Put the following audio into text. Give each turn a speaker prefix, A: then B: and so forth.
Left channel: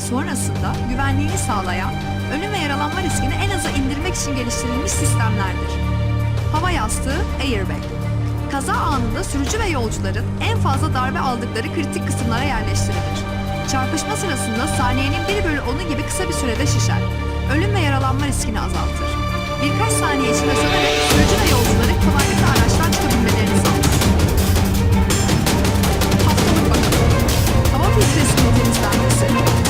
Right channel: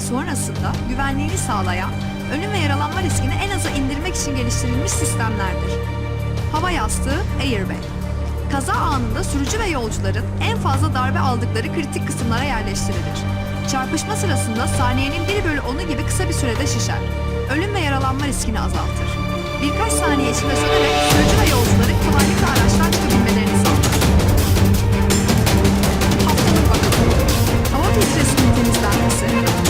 A: sonrasında güvenliğini sağlayan, ölüm ve yaralanma riskini en aza indirmek için geliştirilmiş sistemlerdir. Hava yastığı airbag. Kaza anında sürücü ve yolcuların en fazla darbe aldıkları kritik kısımlara yerleştirilir. Çarpışma sırasında saniyenin 1 bölü 10'u gibi kısa bir sürede şişer. Ölüm ve yaralanma riskini azaltır. Birkaç saniye içinde sönerek sürücü ve yolcuların kolaylıkla araçtan çıkabilmelerini Jackson.